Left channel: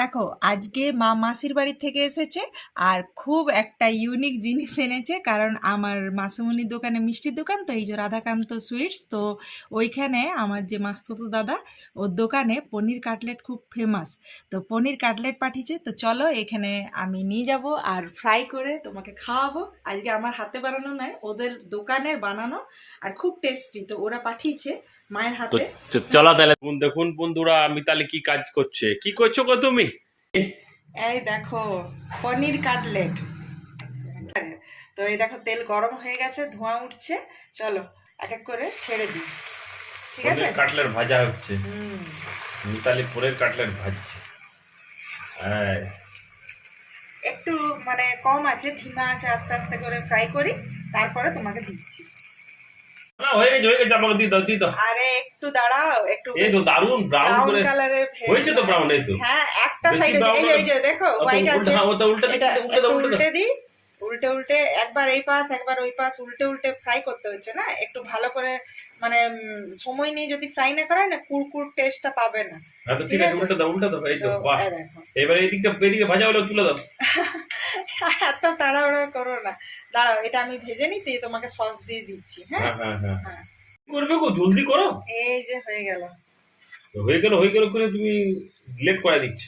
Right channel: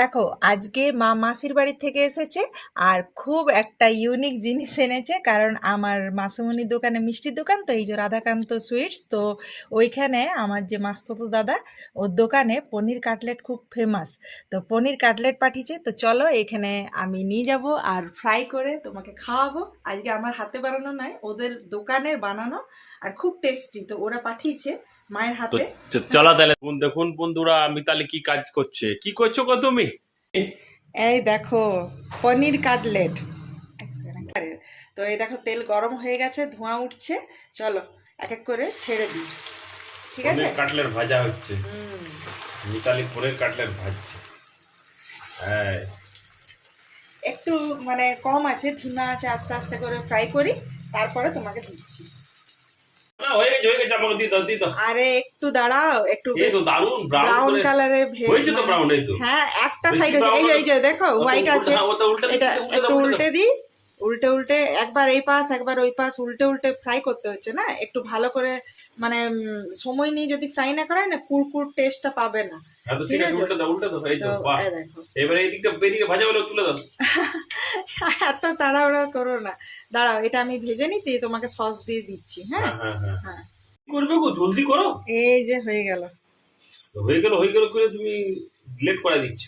দেখো আজকে মা মাসির বাড়ি থেকে এসেছে আর খুব একটা ইউনিক জিনিস এনেছে, কারণ আমার মাসুমনির দোকানে মিষ্টির দোকান তো, এই যে রাধাকান্ত সুইটস, তো ওইখানে আমার যে মাসতুতো দাদা ওর দোকানে পনির কাটলেট খুব ফেমাস। তো পনির কাটলেট পাঠিয়েছে, তো চলো এখানে আমি নিয়ে যাব আর ফ্রাই করে তোমাকে খাওয়াবো। আজকে আমার হাতে বানানো নয়, ওদের দোকানের বানানো, আর খুব টেস্টি। তো ওরা পাঠিয়েছে মায়ের হাতে। চলা তাহলে দেখুন বন্ধুরা, আমি তাহলে কি কাজ করছে, কি করছো গো তুমি? এই দেখো পনির কাটলেট। তো এই দেখো তেল গরম হয়ে গেছে, ধোঁয়া উঠছে, চলো এক এক করে ছেড়ে দিই। ঠিক আছে, পনির কাটলেট ভাজা হচ্ছে। মিতালি পনির কাটলেট ভাজছে। হ্যাঁ, একটু মানে কম আছে, ধিমা আছে, আস্তে আস্তে করে ফ্রাই করি, তারপরে তোমাকে দিচ্ছি। না হয়ে গেছে, আমাকে দিয়ে দাও। আরে একটু দাঁড়াও, একটু এই তো দারুন ব্রাউন ব্রাউন করে কালারের হয়েছে তো, ব্রাউন এই তো। হ্যাঁ, একটা বেশি সাইড brown এই যে দেখো হোয়াইট আছে, ওটা উল্টে এটা উল্টে দাও, একটু উল্টে দাও। উল্টে দিই, উল্টে উল্টে একবার এই পাশ একবার ওই পাশ উল্টে উল্টে ফ্রাই করতে হচ্ছে না, একটু ভালো করে মানে সময় নিয়ে যদি ফ্রাই না করায় না, কুরকুর টেস্টটা পাবে না। হ্যাঁ তো ঠিক আছে, উল্টে দাও এই তো। তো বাহ, এই দেখো, এবার এদিকে ভাজা হলো তুলে দাও। এত তাড়াহুড়ো করো না, দাঁড়াও এটা আমি ভেজে নিতে তোমাকে সস দিয়ে দিচ্ছি। হ্যাঁ হ্যাঁ হ্যাঁ হ্যাঁ, করবে গো, জলদি করো। এই যে হয়ে গেল করে তুমি লেট করে দিচ্ছ।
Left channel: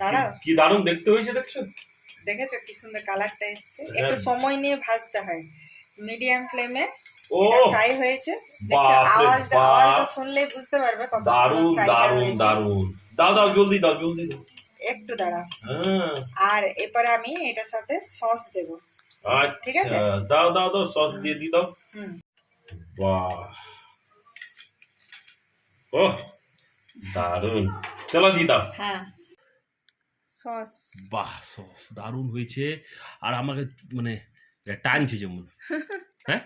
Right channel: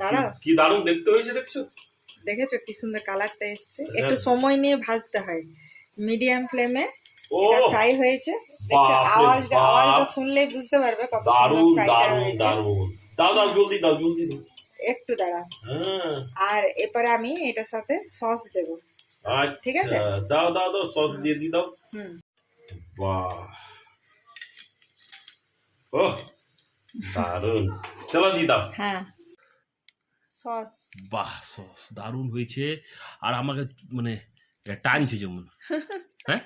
দাঁড়াও, কি দারুণ দেখতে হয়েছে, দেখছো? দেখেছো কি সুন্দর কালারটা এসছে। হ্যাঁ। একটু সময় নিয়ে ভাজতে হয়, মিডিয়াম ফ্লেমে ও ফ্রাই হয়েছে। দেখছো আওয়াজটা শুনলেই বুঝতে পারবে কত দারুণ সুন্দর ফ্রাইটা দারুণ হয়েছে। দারুণ। দাও জলদি দাও। একটু দাঁড়াও, হ্যাঁ আর এরপরে আমি এটার সাথে সস দেব। ঠিক আছে, আচ্ছা, দাও সস দিয়ে দাও। হুম, বাহ, ও দারুণ, চলো দিয়ে দাও। হ্যাঁ সস। বাহ, সস দারুণ হয়েছে। আর আমাকে মানে টানছে যেমন। হ্যাঁ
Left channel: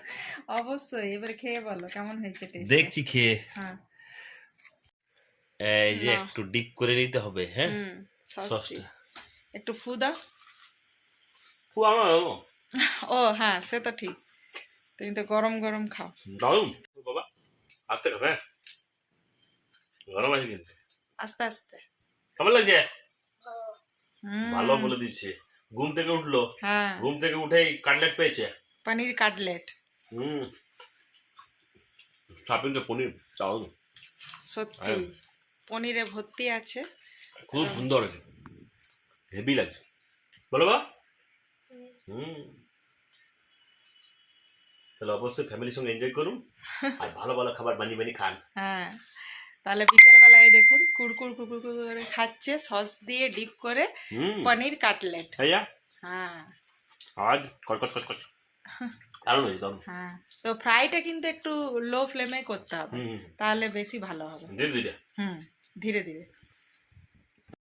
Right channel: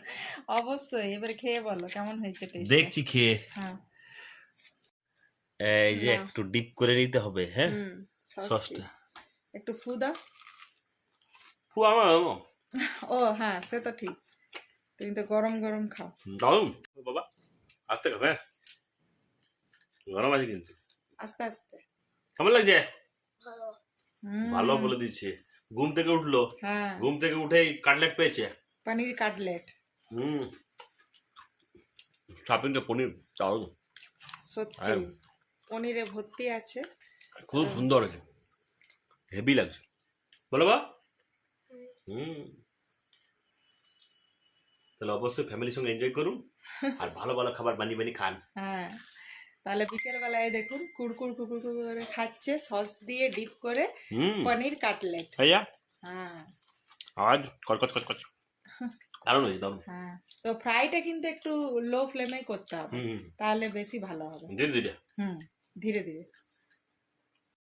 অবশ্যই, এবার খেয়ে বলো কেমন হয়েছে টেস্ট। দেখছি খেয়ে। হ্যাঁ, এই যে একটু ডিপ করে নিতে হবে। হ্যাঁ, সসটা একটু ফু দাও। আমার ও হ্যাঁ, সে তো ঠিক, তুমি তো গরম গরম খাও। দারুণ বাবা, আস্তে খাবে। হ্যাঁ, গরম আছে কিন্তু। আস্তে আস্তে। কেমন লাগছে? হুম, ভালো বলে দিচ্ছে। ঘুম থেকে উঠলো, হ্যাঁ, ঘুম থেকে উঠেই কাটলেট পেয়েছে। পনির কাটলেট। শপিং তো পনির দারুণ, সত্যি পনিরে ভর্তি আছে। খুব সুন্দর আছে, হেভি লাগছে। বলো বা। তাহলে অবশ্যই ফ্যামিলির সঙ্গে এনজয় করুন আর ভালো ভালো খাবার বানিয়ে খান। হ্যাঁ, তাহলে বিকেল বেলায় দেখুন কুরকুর কুরকুর করে খাচ্ছে সস দিয়ে ডিপ করে পনির কাটলেট। হ্যাঁ, হ্যাঁ আজ কচকচ দারুণ হয়েছে, দারুণ। হ্যাঁ, তো ফ্রাইটা কিন্তু একটু লো ফ্লেমে করতে হবে, তাহলে বেশি ভালো হবে। ধীরে ধীরে। ধীরে ধীরে।